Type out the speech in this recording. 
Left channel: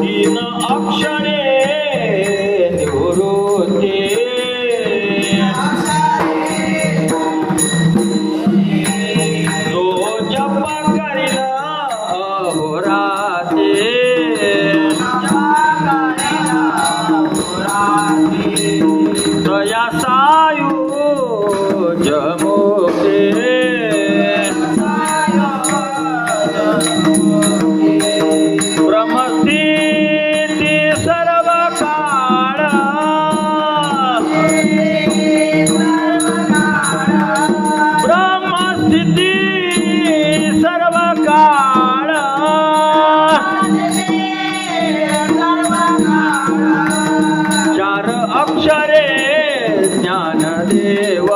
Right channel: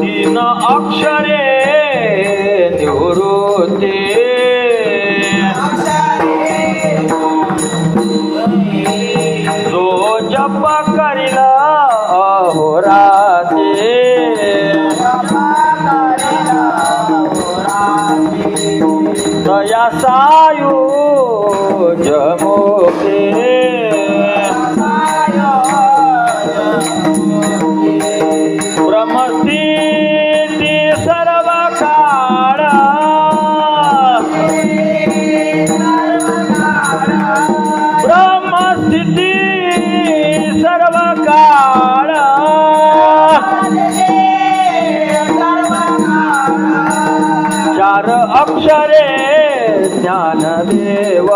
तीन अक्षरे निवृत्ते जो जप करिला अहोराते दया सायु जमोके ब्रह्मस्थिती सर्व काळ ब्रह्मस्थिती सर्व काळ चार अक्षरे ज्ञानदेव